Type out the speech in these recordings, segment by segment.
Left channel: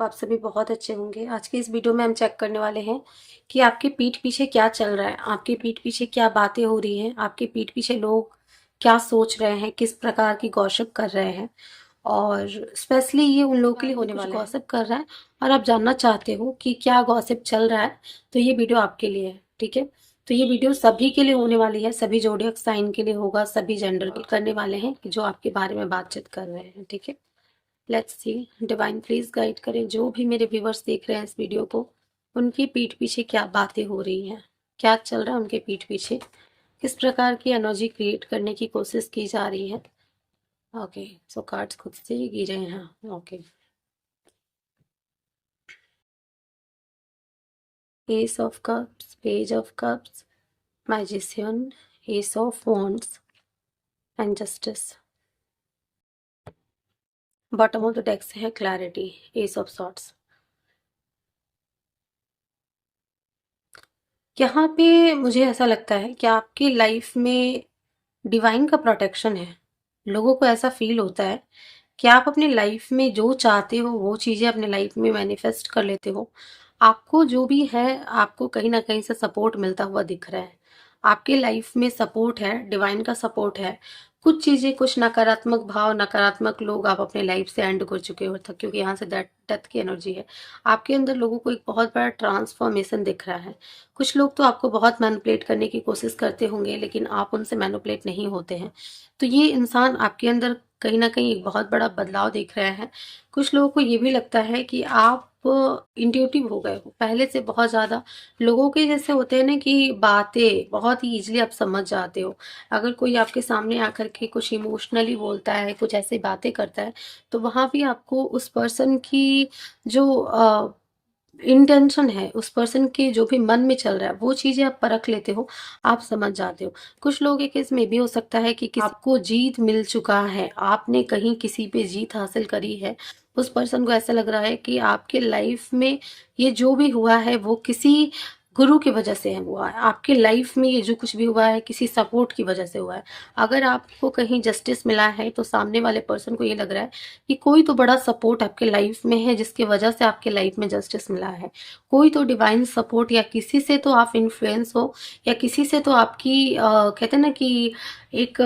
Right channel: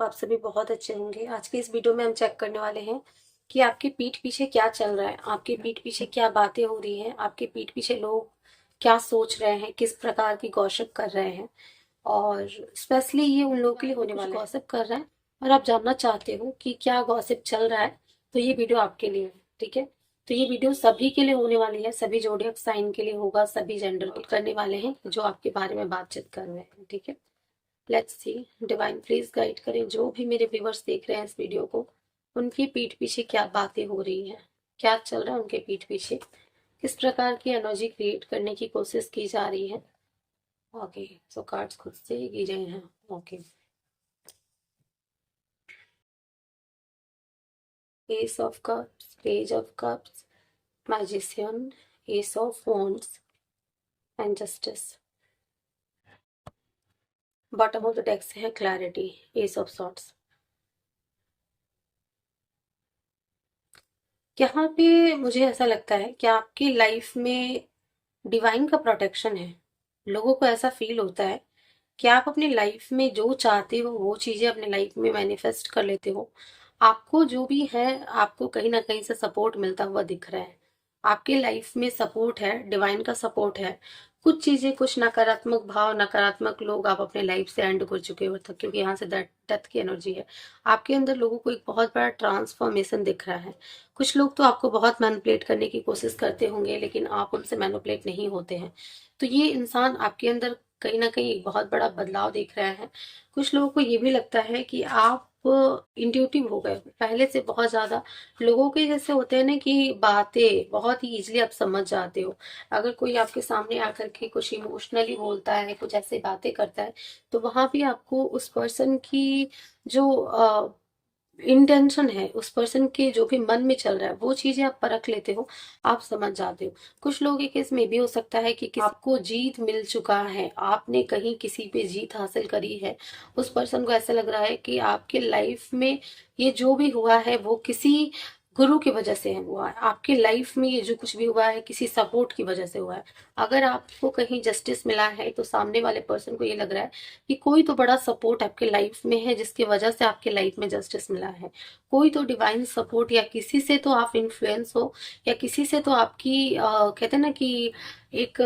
आप सभी बहुत अच्छे होंगे। आज की इस वीडियो में हम चेक करने वाले हैं कि आपके पीठ पीछे क्या चल रहा है, आपके पीठ पीछे क्या बातें हो रही हैं, आपके पीठ पीछे लोग क्या सोच रहे हैं, किस प्रकार की गॉसिप कर रहे हैं। और स्पेशली ये उन लोगों के लिए होने वाला है गॉसिप कर रहा है और आप जानना चाहते हो कि क्या गॉसिप चल रहा है, तो ये वीडियो आपके लिए है। ठीक है, तो ये वीडियो सभी के लिए होने वाली है, सभी जोडियक साइन के लिए होगा, सभी जेंडर के करने वाले हैं जो आपके बारे में बातचीत कर रहे हैं। ठीक है, let's see. Divine please guide करें जो भी मेरे व्यूवर्स देख रहे हैं इस वीडियो को, उनकी पीठ पीछे क्या बातें हो रही हैं, क्या चल रहा है उनके पीठ पीछे, किस प्रकार की एनर्जी क्रिएट करने की कोशिश की जा रही है। ओके, सो कार्ड्स खुद से ही गिरे हैं। Okay, S of cups, page of cups, magician, S of wands and justice. Bottom of the deck से है क्लैरिटी, एस ऑफ सॉर्ट्स। यहाँ पे मुझे ऐसा लगता है कि आपकी लाइफ में डिवाइन का प्रोटेक्शन है। लोगों को ऐसा फील होता है कि आप अपनी लाइफ में जो चाहते हो वो चीजें अपने लाइफ में मैनिफेस्ट कर लेते हो। आपको जो भी है, आपको कहीं ना कहीं से सपोर्ट मिलता हुआ दिख रहा है। आपके लाइफ में सपोर्ट है, डिवाइन का सपोर्ट है। कुछ चीजें, कुछ नकारात्मक भाव, नकारात्मक लोग आप अपने लाइफ से एंड कर चुके हो, क्योंकि यहाँ से डेथ की एनर्जी है। आपके अंदर लोगों को एक बहुत बड़ा ट्रांसफॉर्मेशन दिख रहा है। कुछ लोग तो आपको बहुत मैनिपुलेट करने की कोशिश करते होंगे, लेकिन आप उनसे मैनिपुलेट नहीं होते हैं। तो ये इंसान आपके अंदर कहीं ना कहीं एक बहुत बड़ा बदलाव देख रहे हैं। कुछ लोगों को ये भी लगता है कि आप इंट्यूटिव हो गए हो पहले से बहुत ज्यादा। लोगों के जैसे होते हैं ना कि बातें बहुत ही इजीली आप समझ जाते हो। अगर कोई आपके सामने आकर के कुछ इमोशनली बोलता है, कुछ ऐसी बातें करता है, तो वहां भी आपको उस पर्सन की जो इंटेंशन है, उस पर्सन के जो भी मन में चल रहा है, वो चीजें आप परख लेते हो, आप समझ जाते हो। कुछ लोगों के केस में भी हो सकता है कि आपको जीत मिल चुका है, आपने कहीं किसी पे जीत हासिल करी है। उस पर्सन को ऐसा लग रहा है कि आपके लाइफ में ये जो भी हुआ है वो किसी गुरु की वजह से है हुआ है। आपकी लाइफ में ये जो कुछ भी हुआ है किसी सपोर्ट की वजह से हुआ है। अगर आपको कहीं जस्टिस मिला है तो सामने वाले पर्सन को ये लग रहा है कि कोई तो बड़ा सपोर्ट आपके लाइफ में है जिसकी वजह से आपके लाइफ में जस्टिस मिला है। कोई तो डिवाइन सपोर्ट, या किसी से तो आप इन्फ्लुएंस हो, या किसी से तो आपकी कहते हैं ना कि एक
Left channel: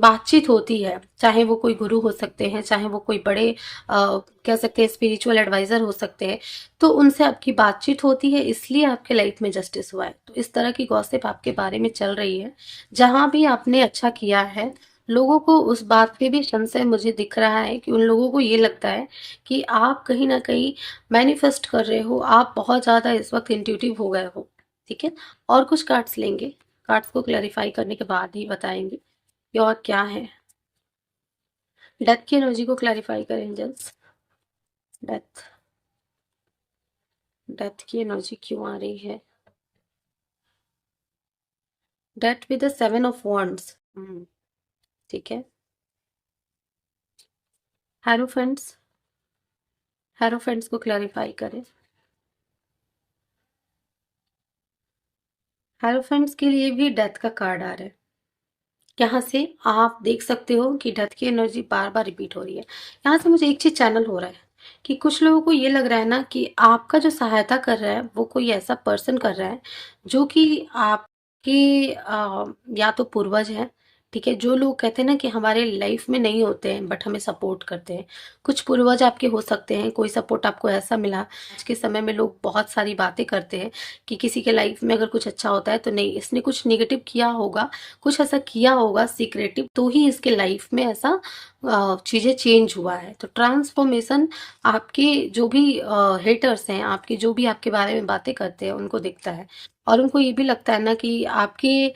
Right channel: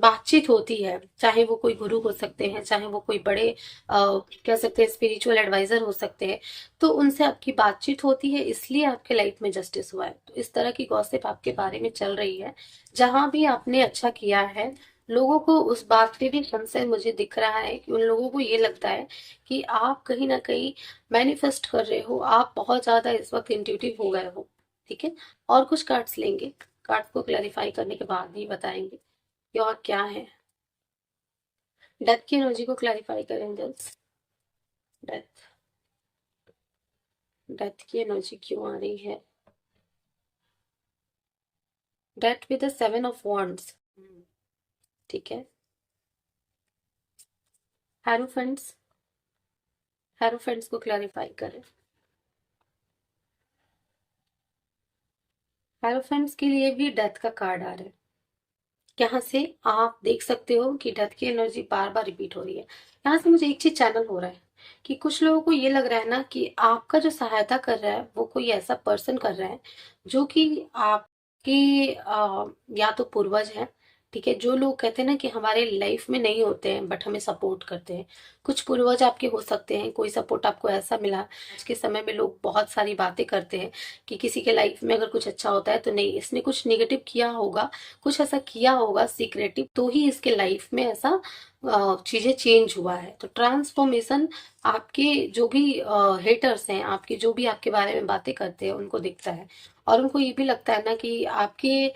बातचीत होती है। चाहे वो कोई गुरु हो सकते हैं, चाहे वो कोई बड़े कह सकते हैं स्पिरिचुअल एडवाइजर हो सकते हैं। तो उनसे आपकी बातचीत होती है, इसलिए आपके लाइफ में जस्टिस हुआ है। तो इस तरह की गॉसिप आपके बारे में चल रही है। जहां भी आपने अच्छा किया है, लोगों को उस बात पे भी संशय मुझे दिख रहा है कि उन लोगों को ये लगता है कि आप कहीं ना कहीं मैनिफेस्ट कर रहे हो, आप बहुत ज्यादा इस वक्त इंट्यूटिव हो गए हो। ठीक है, और कुछ कार्ड्स लेंगे, कार्ड्स को क्लैरिफाई करने के बाद ही बताएंगे कि और क्या है। डेथ की एनर्जी को क्लैरिफाई करें एंजल्स। डेथ, डेथ की एनर्जी क्यों आ रही है? Death with the 7 of wands. ठीक है, हेरोफेंट्स, हेरोफेंट्स को क्लैरिफाई करें। हेरोफेंट्स के लिए भी डेथ का कार्ड आ रहा है। यहाँ से आप देख सकते हो कि डेथ की एनर्जी बार बार रिपीट हो रही है। यहाँ से मुझे एक चीज चैनल हो रहा है कि कुछ लोगों को ये लग रहा है ना कि आपका जो सहायता कर रहा है वो कोई ऐसा पर्सन कर रहा है जो कि आपकी या तो पूर्वज है। ठीक है, जो लोग कहते हैं ना कि हमारे लाइफ में नहीं होते हैं बट हमें सपोर्ट करते हैं, कुछ पूर्वज आपके हो सकते हैं। कोई सपोर्ट आपको ऐसा मिला। आज के समय में लोग बहुत सारी बातें करते हैं कि किसी के लाइफ में अगर कुछ अच्छा होता है तो नहीं, इसने कुछ निगेटिव किया होगा, कुछ ऐसा किया होगा सीक्रेटिव, तो ही इसके लाइफ में ऐसा चीजें चेंज हुआ है। तो ट्रांसफॉर्मेशन आपके जो भी हेटर्स हैं, आपके जो भी आपके बारे में बातें करते हैं, उनको दिखता है। और उनको ये भी लगता है ना कि आपके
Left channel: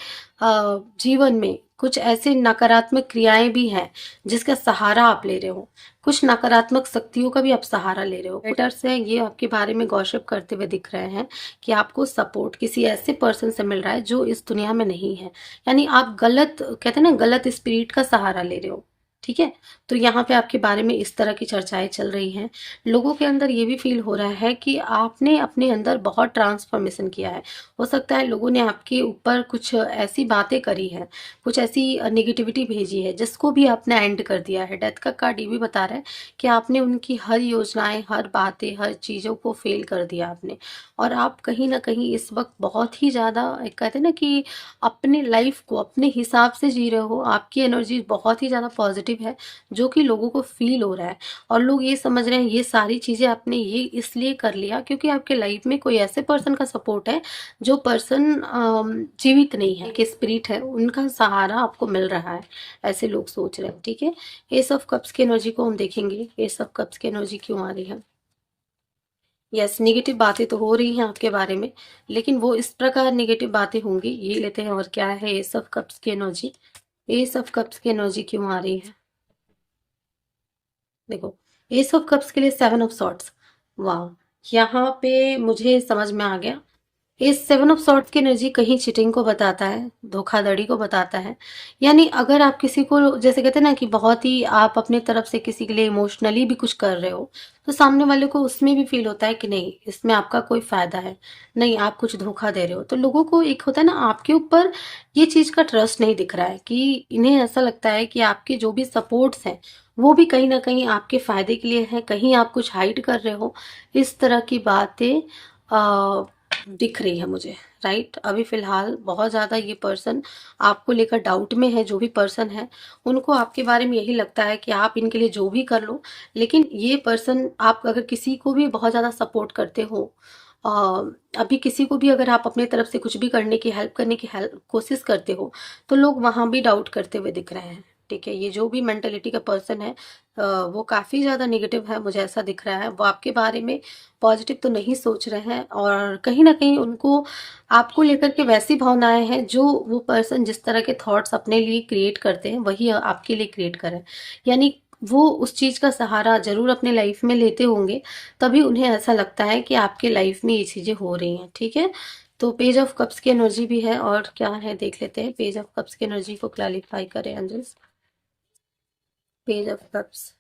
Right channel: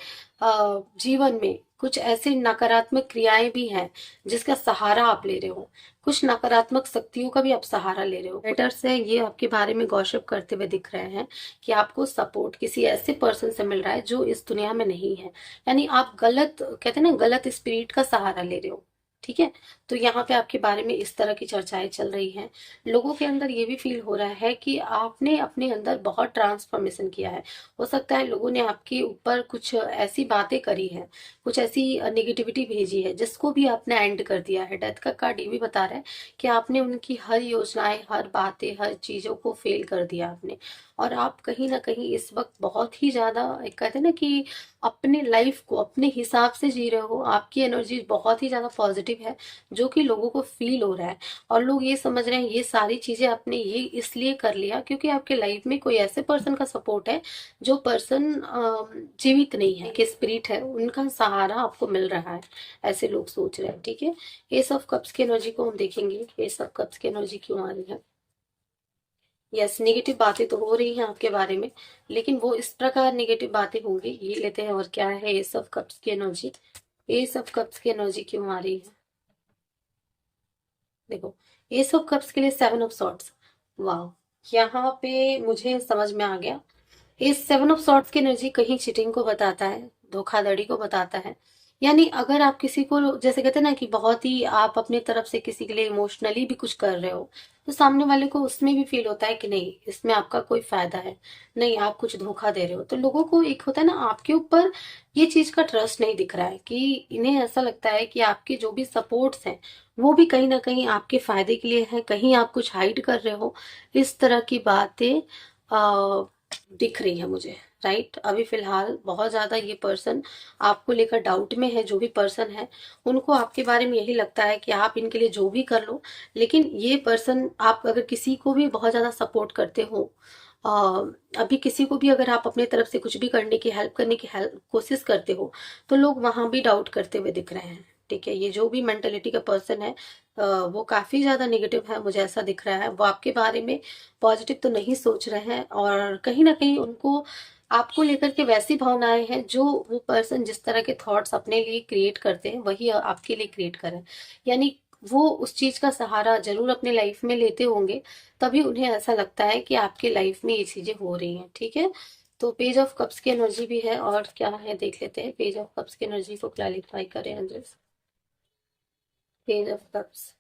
जीवन में कुछ ऐसे नकारात्मक क्रियाएं भी हैं जिसका सहारा आप ले रहे हो। कुछ नकारात्मक शक्तियों का भी आप सहारा ले रहे हो। हेटर्स हैं, ये आपके बारे में गॉसिप करते हुए दिख रहे हैं कि आपको सपोर्ट किसी ऐसे पर्सन से मिल रहा है जो इस दुनिया में नहीं है। यानी आप गलत, कहते हैं ना, गलत स्पिरिट का सहारा ले रहे हो। ठीक है। तो यहाँ पे आपके बारे में इस तरह की चर्चाएं चल रही हैं। लोगों के अंदर ये भी फील हो रहा है कि आपने अपने अंदर बहुत ट्रांसफॉर्मेशन किया है। हो सकता है लोगों ने आपके ऊपर कुछ ऐसी बातें करी है, कुछ ऐसी नेगेटिविटी भेजी है, जिसको भी आपने एंड कर दिया है। डेथ का कार्ड ये भी बता रहा है कि आपने उनकी हर योजनाएं, हर बातें, हर चीज़ों को फेल कर दिया आपने। और आप कहीं ना कहीं इस वक्त बहुत ही ज़्यादा, एक कहते हैं ना कि अपने लाइफ को अपने हिसाब से जी रहे हो। आपकी एनर्जी बहुत ही ज़्यादा पॉजिटिव है, जो कि लोगों को फील हो रहा है। और लोग ये समझ रहे हैं ये सारी चीज़ें आपने ये इसलिए कर लिया क्योंकि आपके लाइफ में कोई ऐसे पर्सन का सपोर्ट है, जो पर्सन जीवित नहीं है, कि स्पिरिट है, उनका सहारा आपको मिल रहा है। ऐसे लोग सोच रहे हैं। ठीक है। एस ऑफ कप्स की एनर्जी को हम देखेंगे। एस ऑफ कप्स की एनर्जी क्यों आ रही है? यस, नेगेटिव बातें तो हो रही हैं आपके बारे में, लेकिन वो इस प्रकार नेगेटिव बातें होंगी। ये लेते हैं और क्या है एस ऑफ कप्स की एनर्जी। एस ऑफ कप्स की एनर्जी क्यों आ रही है? देखो, एस ऑफ कप्स के लिए सेवन ऑफ सॉर्ड्स। वाह, यहाँ पे मुझे समझ में आ गया। इस सेवन ऑफ सॉर्ड्स की एनर्जी कहीं चीटिंग को बताता है, धोखाधड़ी को बताता है। यानी अगर आप किसी को, जैसे कहते हैं ना कि बहुत ही आप अपने तरफ से किसी के लिए इमोशनली भी कुछ कर रहे हो, तो सामने वाले को उसमें भी फील होता है कि नहीं, इसमें आपका कोई फायदा है, नहीं आप कुछ धोखा दे रहे हो। तो लोगों को एक होता है ना, आपके ऊपर ये चीज का ट्रस्ट नहीं दिख रहा है, कि इन्हें ऐसा लगता है कि आपके जो भी सपोर्ट्स हैं वो भी कहीं ना कहीं आपके फायदे के लिए है, कहीं आप कुछ हाइड कर रहे हो। इस तरह की बातें दिख रही है मुझे। राइट, अभी फिलहाल बहुत ज्यादा ये पर्सन आपको लेकर डाउट में है। जो भी पर्सन है, उनको आपके बारे में यही लगता है कि आप इनके लिए जो भी कर लो, लेकिन ये पर्सन, आप अगर किसी को भी बहुत ज्यादा सपोर्ट करते हो, अ, अभी किसी को भी अगर आप अपने तरफ से कुछ भी करने की, हेल्प करने की हेल्प कोशिश करते हो, तो लोग वहां भी डाउट करते हुए दिख रहे हैं। ठीक है, ये जो भी मेंटेलिटी का पर्सन है, वो काफी ज्यादा नेगेटिव है, मुझे ऐसा दिख रहा है। वो आपके बारे में पॉजिटिव तो नहीं सोच रहे हैं, और कहीं ना कहीं उनको आपको लेकर के वैसी भावनाएं हैं, जो वो पर्सन जिस तरह के थॉट्स अपने लिए क्रिएट करते हैं, वही आपके लिए क्रिएट करें। यानी वो उस चीज का सहारा जरूर अपने लाइफ में लेते होंगे, तभी उन्हें ऐसा लगता है कि आपके लाइफ में ये चीजें हो रही हैं। ठीक है। तो पेज ऑफ कप्स की एनर्जी भी है, और क्या है देख लेते हैं। पेज ऑफ कप्स की एनर्जी को क्लैरिफाई करें अंजस। Page of cups,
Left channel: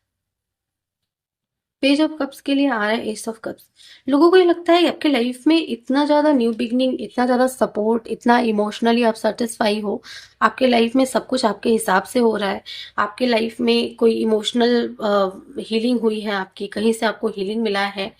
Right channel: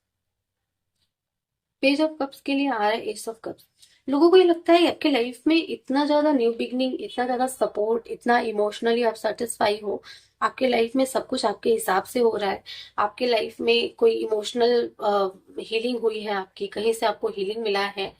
page of cups के लिए आ रहा है एस ऑफ कप्स। लोगों को ये लगता है कि आपके लाइफ में इतना ज्यादा न्यू बिगनिंग, इतना ज्यादा सपोर्ट, इतना इमोशनली आप सेटिस्फाई हो, आपके लाइफ में सब कुछ आपके हिसाब से हो रहा है, आपके लाइफ में कोई इमोशनल हीलिंग हुई है, आपकी कहीं से आपको हीलिंग मिला है।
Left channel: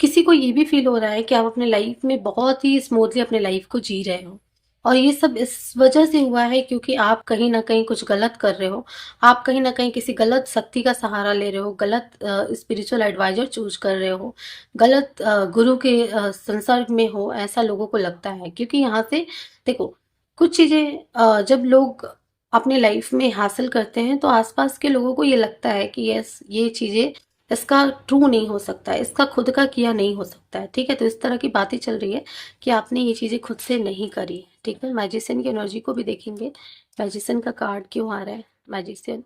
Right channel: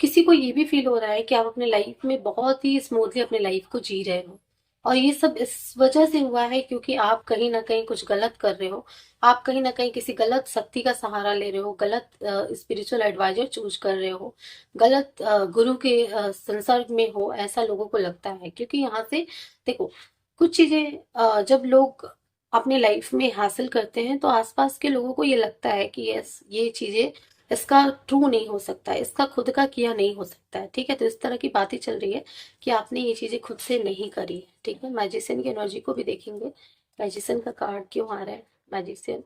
किसी को ये भी फील हो रहा है कि आप अपने लाइफ में बहुत ही स्मूथली अपने लाइफ को जी रहे हो। और ये सब इस वजह से हुआ है क्योंकि आप कहीं ना कहीं कुछ गलत कर रहे हो। आप कहीं ना कहीं किसी गलत शक्ति का सहारा ले रहे हो, गलत स्पिरिचुअल एडवाइजर चूज कर रहे हो, गलत गुरु के संसर्ग में हो, ऐसा लोगों को लगता है। क्योंकि यहाँ से देखो, कुछ चीजें जब लोग अपने लाइफ में हासिल करते हैं, तो आसपास के लोगों को ये लगता है कि यस, ये चीजें, इसका ट्रू नहीं हो सकता है, इसका खुद का किया नहीं हो सकता है। ठीक है। तो इस तरह की बातें चल रही है कि आपने ये चीजें खुद से नहीं करी है। ठीक है। मैजिशियन की एनर्जी को भी देखेंगे। मैजिशियन का कार्ड क्यों आ रहा है? मैजिशियन,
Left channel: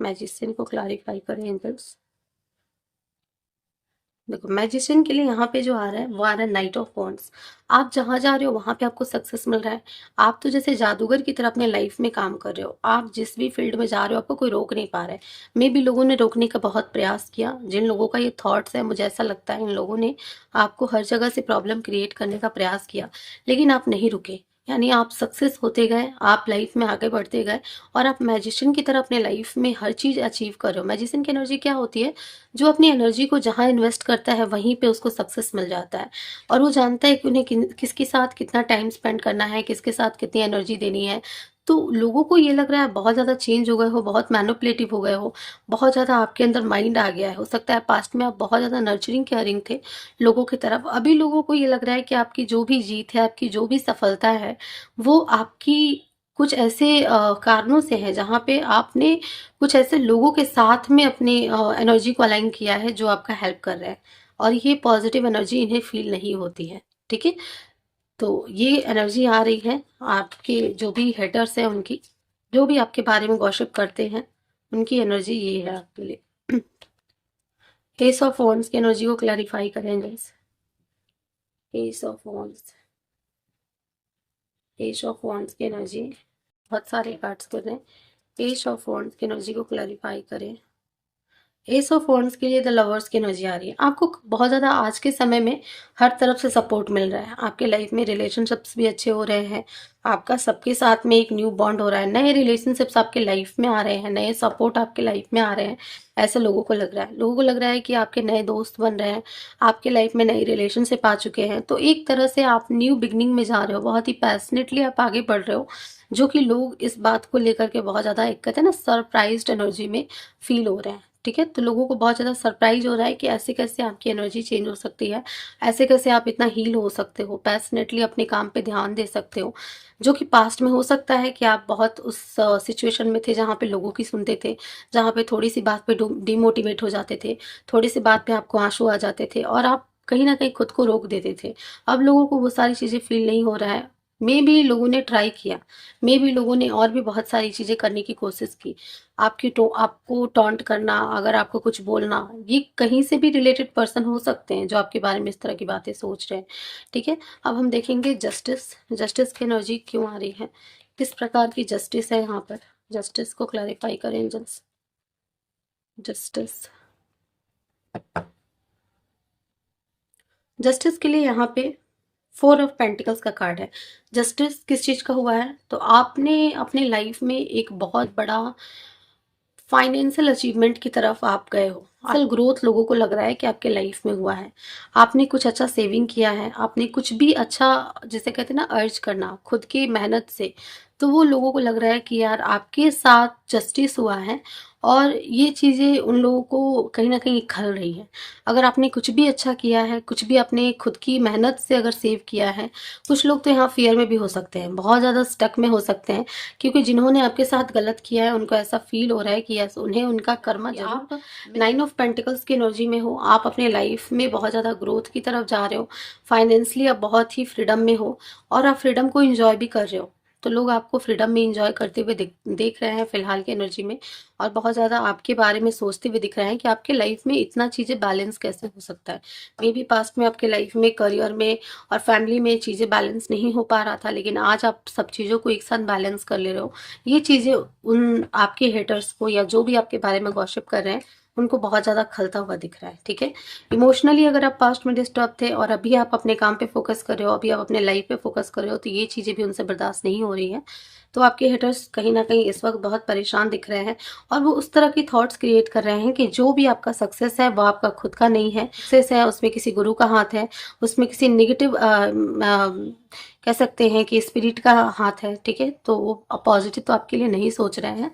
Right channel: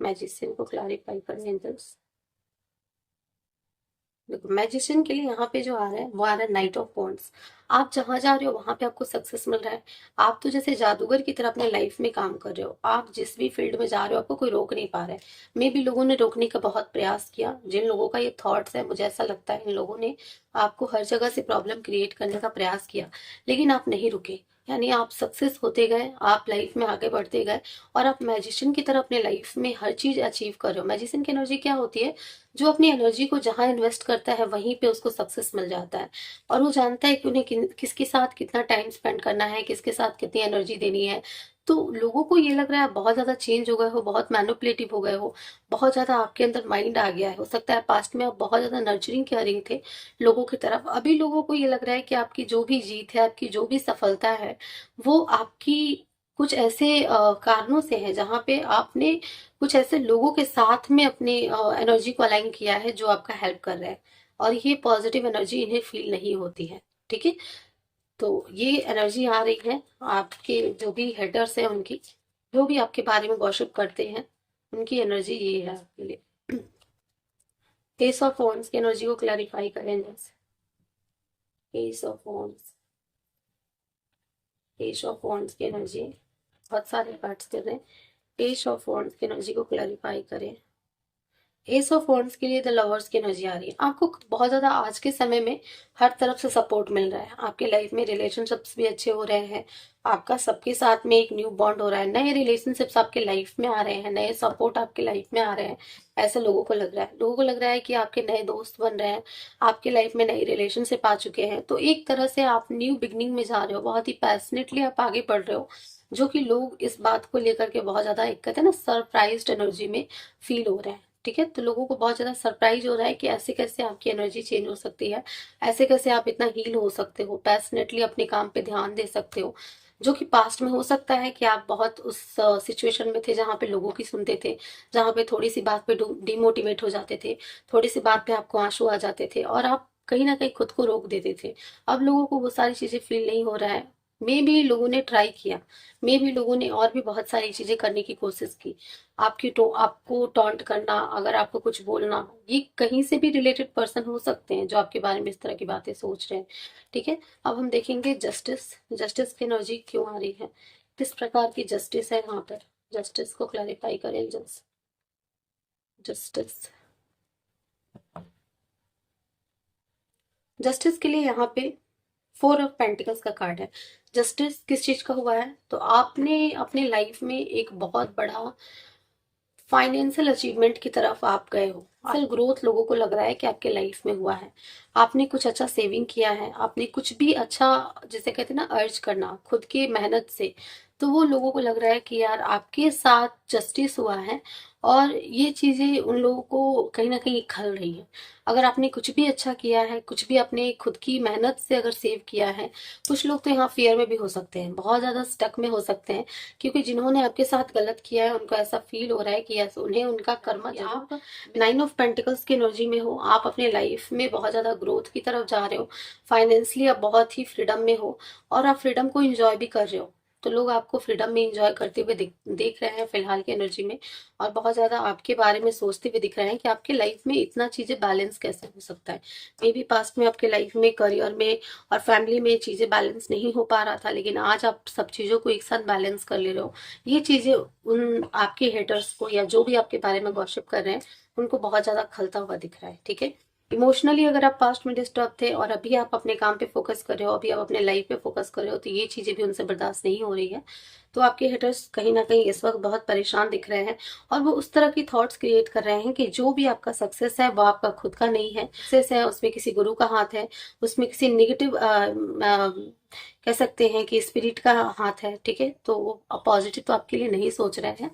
मैजिशियन को क्लैरिफाई करें एंजल्स। देखो, मैजिशियन के लिए यहाँ पे जो आ रहा है वो आ रहा है नाइट ऑफ वॉन्ड्स। आप जहां जा रहे हो वहां पे आपको सक्सेस मिल रहा है। आप तो जैसे जादूगर की तरह अपने लाइफ में काम कर रहे हो। आप जिस भी फील्ड में जा रहे हो, आपको कोई रोक नहीं पा रहा है। मे भी लोगों ने रोकने का बहुत प्रयास किया। जिन लोगों का ये थॉट्स है, मुझे ऐसा लगता है इन लोगों ने आपको हर जगह से प्रॉब्लम क्रिएट करने का प्रयास किया, लेकिन आप नहीं रुके। यानी आप सक्सेस होते गए, आप लाइफ में आगे बढ़ते गए, और आप मैजिशियन की तरह अपने लाइफ में हर चीज अचीव कर रहे हो। मैजिशियन की एनर्जी क्या होती है? जो अपनी एनर्जी को जहां इन्वेस्ट करता है, वहीं पे उसको सक्सेस मिल जाता है। और वो जानता है कि उन्हें किसके साथ कितना टाइम स्पेंड करना है, किसके साथ कितनी एनर्जी देनी है। तो लोगों को ये लग रहा है बहुत ज्यादा चेंज हो गए हो, बहुत मैनिपुलेटिव हो गए हो, बहुत ज्यादा आपके अंदर माइंड आ गया है। हो सकता है पास्ट में आप बहुत ज्यादा नर्चरिंग केयरिंग थे लोगों की तरफ। अभी लोगों को ये लग रहा है कि आपकी जो भी जीत है, आपकी जो भी सफलता है, वो आपकी कुछ ऐसे कारणों से है, जहाँ पे आपने कुछ ऐसे लोगों के साथ में अपने एनर्जी को अलाइन किया है, जो आपका हेल्प कर रहा है। और ये पॉजिटिव एनर्जी इन्हें फील नहीं होती है। ठीक है। तो ये एनर्जी आ रही है आपके जो भी हेटर्स हैं उनकी, जो भी आपके बारे में गॉसिप करते हैं, उनकी एनर्जी ये है आपके लिए। एस ऑफ वॉन्ड्स की एनर्जी को क्लैरिफाई करें जैसे। S of wands, S of wands की एनर्जी, बहुत सारे कार्ड्स कर रहे हैं। एस ऑफ वॉन्ड्स की एनर्जी को क्लैरिफाई करें। एस ऑफ वॉन्ड्स के लिए द लवर्स की एनर्जी आ रही है। आपको बहुत ज़्यादा आज के समय में हर तरफ से सपोर्ट मिल रहा है। आपके लाइफ में रिलेशनशिप्स भी अच्छे हो रहे हैं। आपका सबके साथ में एक न्यू बॉन्ड हो रहा है। नए रिलेशनशिप्स आपके लाइफ में आ रहे हैं। नए सपोर्ट आपके लाइफ में आ रहे हैं। ऐसे लोगों को लग रहा है। लोगों को लग रहा है कि आपके नए दोस्त बन रहे हैं। आपके लाइफ में नई रिलेशनशिप आ चुके हैं। तो एक तरह से आप न्यू बिगनिंग में जा रहे हो। बहुत ही पैशनेटली आप आगे बढ़ रहे हो, जो कि लोग इस बात को लेकर के बहुत ज़्यादा एक कहते हैं ना सरप्राइज्ड एनर्जी में फील हो रहे हैं। ठीक है, तो लोगों को बहुत ज़्यादा सरप्राइज हो रहा है कि ऐसे कैसे आपकी एनर्जी चेंज हो सकती है। ऐसे कैसे आप इतना हील हो सकते हो, पैशनेटली अपने काम पे ध्यान दे सकते हो। जो कि पास्ट में हो सकता है कि आप बहुत उस सिचुएशन में थे जहाँ पे लोगों की सुनते थे, जहाँ पे थोड़ी सी बात पे डिमोटिवेट हो जाते थे, थोड़ी सी बात पे आपको आंसू आ जाते थे और आप कहीं ना कहीं खुद को रोक देते थे। अब लोगों को वो सारी चीज़ें फील नहीं हो रहा है। मे भी लोगों ने ट्राई किया, मे भी लोगों ने और भी बहुत सारी चीज़ें करने की कोशिश की। आपको टॉन्ट करना, अगर आपको कुछ बोलना, ये कहीं से भी रिलेटेड पर्सन हो सकते हैं जो आपके बारे में इस तरह की बातें सोच रहे हैं। ठीक है, अब हम देखेंगे जस्टिस। जस्टिस की एनर्जी क्यों आ रही है, किस प्रकार की जस्टिस है यहाँ पर। जस्टिस को क्लैरिफाई करें एंजल्स। जस्टिस, जस्टिस के लिए यहाँ पे 4 ऑफ पेंटिकल्स का कार्ड है। जस्टिस किस चीज का हुआ है, तो आपने अपने लाइफ में एक बहुत बड़ा फाइनेंशियल अचीवमेंट की तरफ आप गए हो। असल ग्रोथ लोगों को लग रहा है कि आपके लाइफ में हुआ है। आपने कुछ अच्छा सेविंग किया है, आपने कुछ भी अच्छा, जैसे कहते हैं ना अर्ज करना खुद की मेहनत से, तो वो लोगों को लग रहा है कि यार आपके साथ जस्टिस हुआ है और ये चीज़ें उन लोगों को कहीं ना कहीं खल रही है। अगर आपने कुछ भी अच्छा किया है, कुछ भी अपने खुद की मेहनत से अगर सेव किया है, कुछ लोग तो यहाँ फियर में भी हो सकते हैं, बहुत ज़्यादा स्टक में हो सकते हैं, क्योंकि जिन्होंने आपके साथ गलत किया है उनको ऐसा फील हो रहा है कि यस उन्हें उनका कर्म जरूर। आप 9 ऑफ पेंटिकल्स की एनर्जी में हो, आप अपने लाइफ में बहुत ज़्यादा ग्रोथ की तरफ जा रहे हो, फाइनेंशियली आप बहुत ही फ्रीडम में हो और आप फ्रीडम को इंजॉय भी कर रहे हो। तो लोग आपको फ्रीडम में इंजॉय करते हुए देख रहे हैं फिलहाल की एनर्जी में, और बहुत ज़्यादा आपके बारे में सोचते हुए दिख रहे हैं कि आपके लाइफ में इतना चीज़ें बैलेंस कैसे हो सकता है। मे बी पास्ट में आपके लाइफ में, करियर में और फैमिली में चीज़ें बैलेंस नहीं हो पा रहा था, लेकिन आज आप सब चीज़ों को एक साथ बैलेंस कर ले रहे हो। ये चीज़ें उन आपके हेटर्स को या जो भी आपके बारे में गॉसिप कर रहे हैं उनको बहुत ज़्यादा खलता हुआ दिख रहा है। ठीक है, इमोशनली अगर आप पास्ट में डिस्टर्ब थे और अभी आप अपने काम पे फोकस कर रहे हो, अभी आप अपने लाइफ पे फोकस कर रहे हो, तो ये चीज़ें भी उनसे बर्दाश्त नहीं हो रही है। तो आपके हेटर्स कहीं ना कहीं इस वक्त बहुत परेशान दिख रहे हैं और वो उस तरह की थॉट्स क्रिएट कर रहे हैं कि जो भी आपका सक्सेस है वो आपका खुद का नहीं है। सक्सेस है उसमें किसी गुरु का हाथ है, उसमें किसी निगेटिव कह सकते हैं कि स्पिरिट का हाथ है। ठीक है, तो वो पॉजिटिव तो आपके लिए नहीं सोच रहे हैं।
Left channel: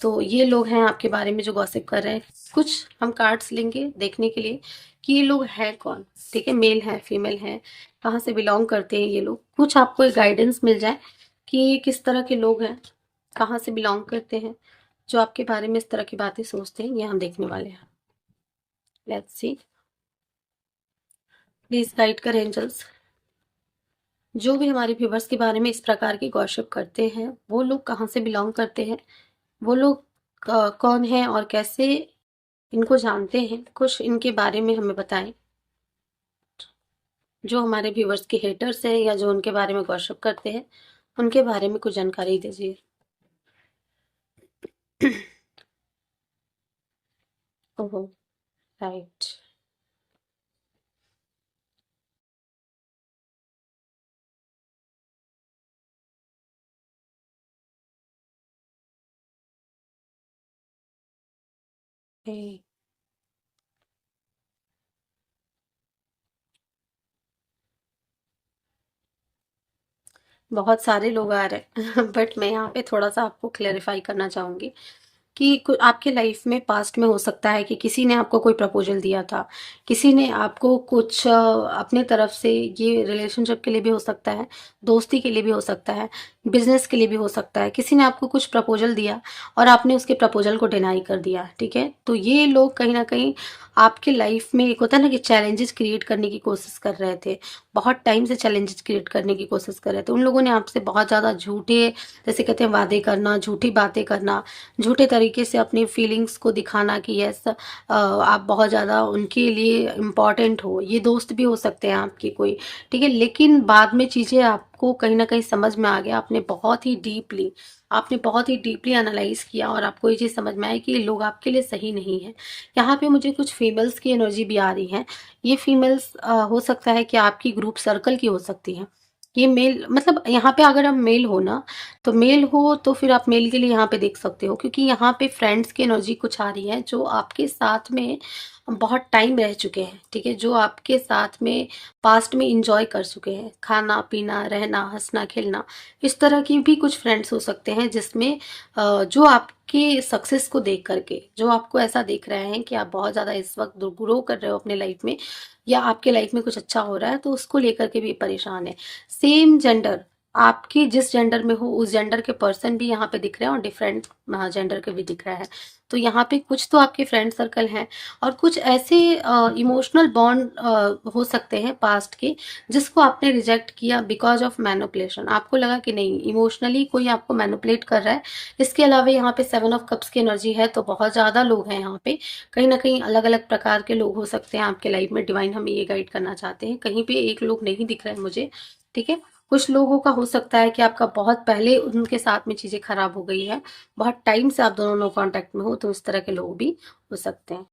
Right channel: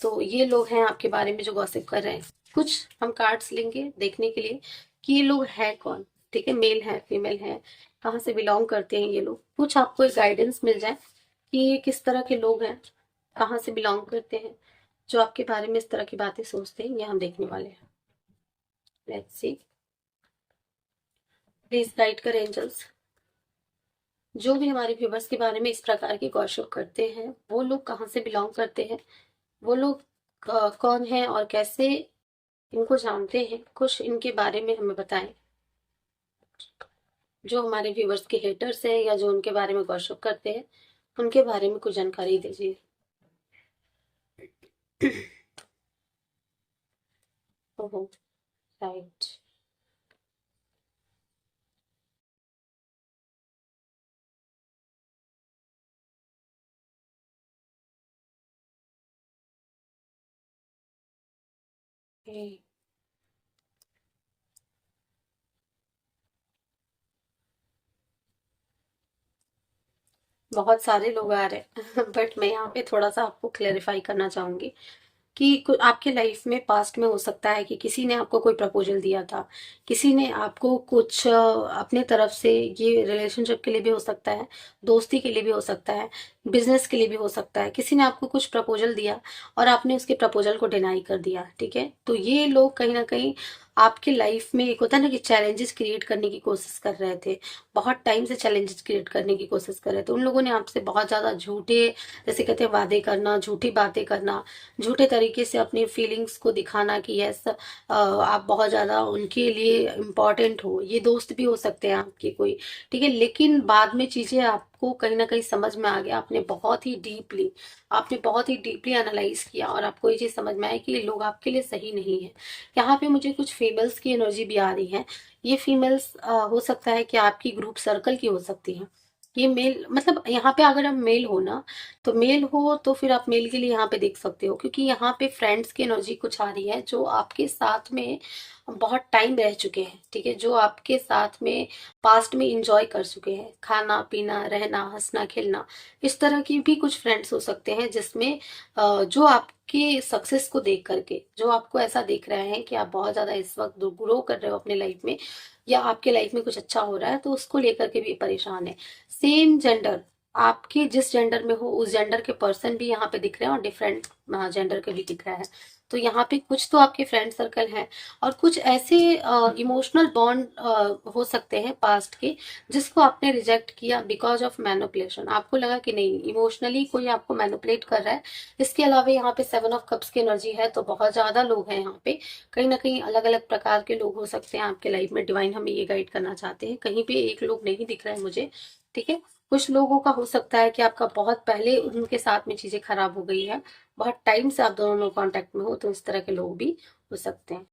तो ये लोग हैं आपके बारे में जो गॉसिप कर रहे हैं। कुछ हम कार्ड्स लेंगे देखने के लिए कि ये लोग हैं कौन। ठीक है, मेल है, फीमेल है, कहाँ से बिलोंग करते हैं ये लोग, कुछ आपको एक गाइडेंस मिल जाए कि ये किस तरह के लोग हैं, कहाँ से बिलोंग करते हैं, जो आपके बारे में इस तरह की बातें सोचते हैं, ये हम देखने वाले हैं। लेट्स सी, प्लीज गाइड करें एंजल्स। जो भी हमारे व्यूवर्स के बारे में इस प्रकार की गॉसिप करते हैं वो लोग कहाँ से बिलोंग करते हैं, वो लोग कौन हैं और कैसे इनको जानते हैं, कुछ इनके बारे में हमें बताएं। जो हमारे व्यूवर्स के हेटर्स हैं या जो उनके बारे में गॉसिप करते हैं उनके बारे में कुछ जानकारी दीजिए। ओहो, राइट। बहुत सारे लोग आ रहे हैं बट मैं यहाँ पे थोड़ा सा आपको क्लेरिफाई करना चाहूंगी कि आपके लाइफ में पास्ट में हो सकता है कि किसी ने आपको कोई प्रपोजल दिया था, किसी ने आपको कुछ अपने तरफ से, ये रिलेशनशिप के लिए भी हो सकता है, दोस्ती के लिए भी हो सकता है, बिजनेस के लिए भी हो सकता है, किसी ने आपको कुछ प्रपोजल दिया और आपने उसके प्रपोजल को डिनाई कर दिया। ठीक है, तो ये लोग कहीं ना कहीं आपके लाइफ में, एक होता है ना कि चैलेंजेस क्रिएट करने की कोशिश कर रहे थे, बहुत टाइम से चैलेंजेस क्रिएट करने की कोशिश कर रहे थे। उन लोगों ने आपसे बहुत ज़्यादा झूठे, जैसे कहते हैं वादे करना, झूठी बातें करना, झूठे तरीके से अपनी फीलिंग्स को दिखाना कि यस आप बहुत ज़्यादा उनके लिए इम्पॉर्टेंट हो। ये दोस्त भी हो सकते हैं आपके कोई। ठीक है, लेकिन बाद में चीज़ें आपको आपको कहीं ना कहीं समझ में आ गया, आपने बहुत ही डीपली एनालाइज किया और आपको ये चीज समझ में आया कि ये लोग आपके लिए सही नहीं है। यहाँ पे मुझे कुछ फीमेल्स की एनर्जी भी आ रही है। ये फीमेल्स हो सकता है कि आपकी ग्रुप सर्कल की हो सकती है। ये मेल मतलब यहाँ पे अगर आप मेल हो ना, तो मेल हो तो फिर आप मेल के लिए यहाँ पे देख सकते हो, क्योंकि यहाँ पे फ्रेंड्स की एनर्जी कुछ आ रही है जो आपके साथ में बहुत टाइम रह चुके हैं, ठीक है, जो आपके साथ में पास्ट में इंजॉय कर चुके हैं, खाना पीना रहना हंसना खेलना। इस तरह की भी कुछ फ्रेंड्स हो सकते हैं जिसमें जो आपके सक्सेस को देख करके, जो आपको ऐसा देख रहे हैं कि आप बहुत ज्यादा इस वक्त ग्रो कर रहे हो अपने लाइफ में, या आपके लाइफ में कुछ अच्छा हो रहा है, तो उसको लेकर के भी परेशान है। सेम जेंडर, आपके जिस जेंडर में हो उस जेंडर के पर्सन भी यहाँ पे दिख रहे हैं और डिफरेंट जेंडर के भी दिख रहा है। तो यहाँ पे कुछ तो आपके फ्रेंड सर्कल हैं और कुछ ऐसे इमोशनल बॉन्ड हो सकते हैं पास्ट के, जिसको आपने रिजेक्ट किया बिकॉज ऑफ मैनिपुलेशन। आपको लगा कि नहीं, इमोशनली कोई आपको मैनिपुलेट कर रहा है। इसके अलावा यहाँ पे 7 ऑफ कप्स की एनर्जी है, तो बहुत ज्यादा लोग हैं यहाँ पे, कहीं ना कहीं अलग अलग प्रकार के लोग हो सकते हैं आपके लाइफ में। डिवाइन हमें ये गाइड करना चाहते हैं, कहीं पे एक लोग नहीं दिख रहा है मुझे, ठीक है। कुछ लोगों का हो सकता है कि आपका बहुत पहले उनके साथ में चीजें खराब हो गई है, बहुत टाइम से आप दोनों लोग कांटेक्ट में हो, तो उस तरह के लोग भी हो सकते हैं।